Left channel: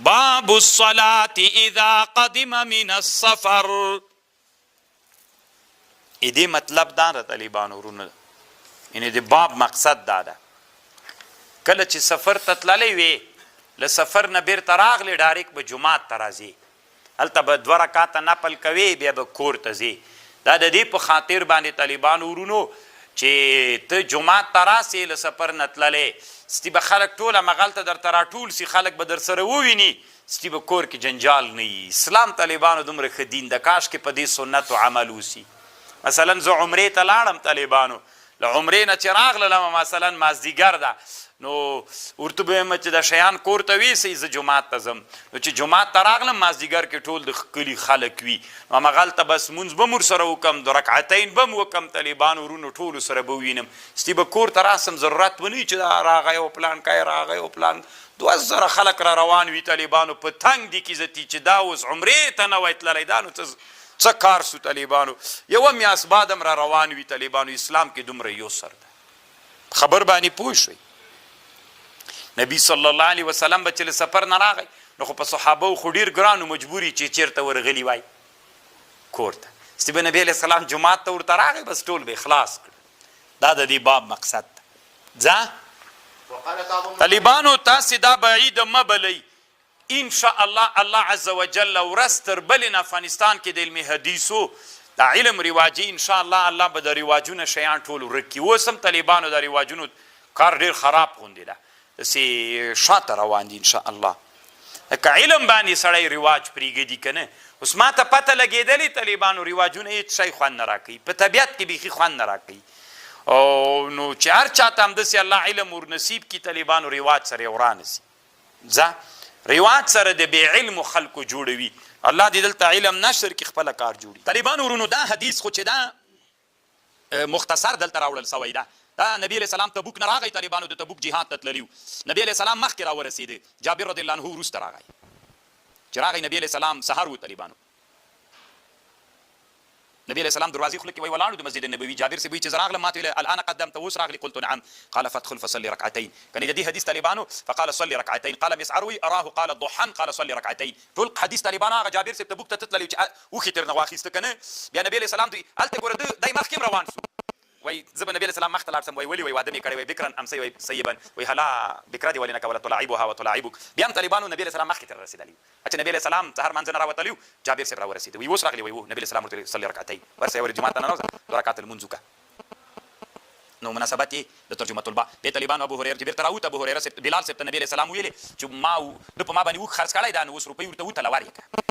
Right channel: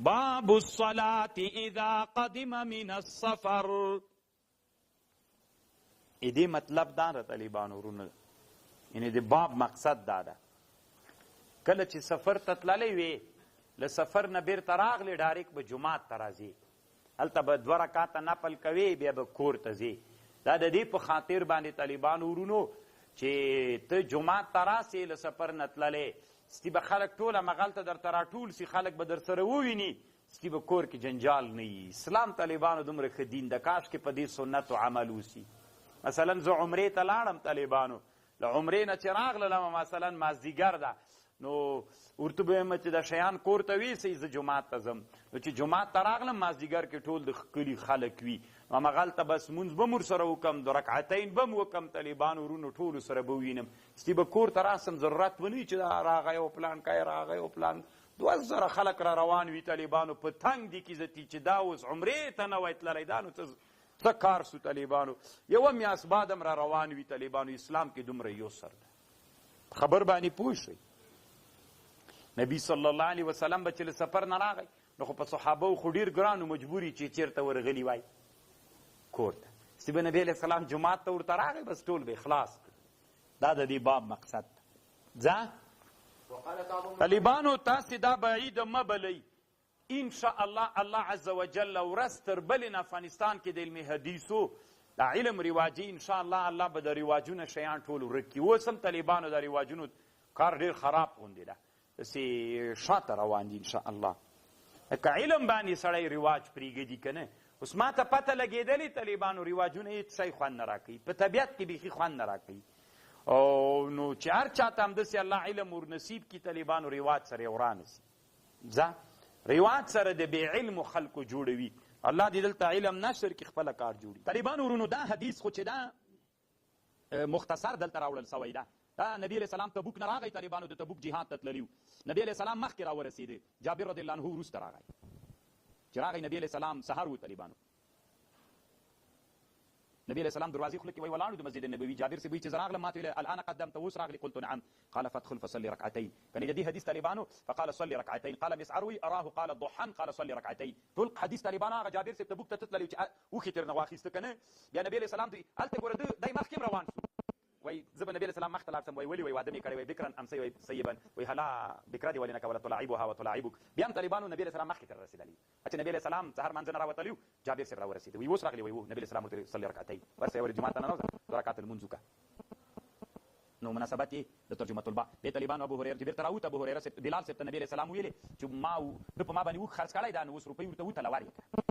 باب الصلاة اذا قدم من السفر. دې مطلب دا د طالبانو ورونه یعنی د باب مقصد دا ده کله چې سفر ته تللی وې له سفر نه بیرته راغلی ډایرکټ به جومات ته راځې هلته به 2 رکعاته نفل کوې بیا به کور ته ځې دا د دې په خاطر باندې طالبانو ورونو چې ته جومات ته راسې له سفر نه تللی ستی به خلک ټول همغلته درته راټول سي خلک به در سره وویني ستی به کور کې جنجال نه وي اسلام طالبانو دومره ښه دین د کاش کې په دې سنتو عمل وسي مثلا زه عمرې ته لاړم طالبانو له عمرې نه چې راغللم مثلا مازدیګر ده نو ورته به وایم چې د شیان کور ته ویسئ زه جومات ته ځم نو چې جومات ته راغلم مازدیګر کې ټول د کلي خلک وي نو همغلته بس مونځ به م ورسره وکړم 2 رکعتین به م وکړم طالبانو ورونو ټولو سره به ووینم ستی به کور ته راسم ضرورت به نه وي چې دا راغی او پلان کای راغی او پلان 2000 خلک را روان وي طالبانو په تنګ دي کې زتي چې دا اوس عمرې ته نه وای تللی دا نو څه کار سو طالبانو یوه میاشت بعد هم را روان وي طالبانو اسلام کې دومره یسر ده خبر باندې پوه شوئ نبی صلی الله علیه وسلم به چې له سفر نه راغی نو خو په صحابه خو ډېر ګرانو مجبوري چې چېرته ورغلي وای کور ته ستی به نبی علیه السلام جومات ته ورته راغی بس ټول به خلاص کړه دا د دې باب مقصد ده ځه طالبانو تاسې دا بعید مه بلئ انشاء الله الله عز وجل ورځ تر بلې نه افغانستان کې د علم حدیثو دا علم رواجي انشاء الله الله به د رواجونه شیان ټول ورک کړي اوس هم طالبانو د رواجونو کار ډېر خراب غوندې ده داسې شاته روان دي انشاء الله که علم باندې سړی رواج پرېږدي که نه اوس ما ته پته لګېدلې طالبانو رواجونه هېڅ شی خوند نه راکوي په طبیعت کې بیخي خوند نه راکوي او نو چې هر چاته همداسې الله علم ورنصیب کړي طالبانو رواج سره یې ورانه سي ځه رواج سره د بې علمو خلکو جوړوي الله دې دلته علم نشر کې خپله کار جوړي طالبانو ورونو دا حدیث خو چې دا مختصر دلته راوړل سوی ده دا نبی علیه السلام تبوک نه راغی طالبانو د تبوک جهاد ته تللي نبی علیه السلام مخکې راورسېده جابر رضی الله عنه وروسته راغی چې راغی نبی علیه السلام سهار و طالبانو نبی علیه السلام دروازې خوله کې وی ولاړو د مسجد نبوي جابر صاحب وایي چې زه راغلم ما ته ویل الان قدمت اوس راغلي قلت نعم قال فادخل فصلي ركعتين کنې د دې حدیث طالبانو فقال صلي ركعتين قال مسعر وی اراه قال ضحى قال صلي ركعتين ټول حدیث طالبانو هغه جابر صاحب تبوک ته تللی چې اوښې ترنه واخیسته که نه بیا نبی علیه السلام دوی هلته ګوره دی مخکې هم روان شو وای زه به نبی علیه السلام مخ ته لاړ سم وای ولې وای واده مې کړی وای بکرن امسی وای سیبا وای هلا بکره دې ولې نه کوله تلاعبها وتلاعبک بیا هم طالبانو نبی علیه السلام مخکې تر رسېدلي چې نبی علیه السلام سهار منځ نه راوتلی جابر صاحب راورسېده وایي اوس راغلی وایي نبی علیه السلام ورته صلي رکعتین ورسې ولې جومات ته ننوځه 2 رکعات لمونځ وکړه نو مناسبت یې د ترجمه الباء دې طالبانو ابو هريره چې بیرته راووت ابو هريره بلال صاحب ته نبی علیه السلام ویلې چې ما د په ما باندې اوښ خرڅ کړی دا نو اوس روپۍ ورته وتله ورکړه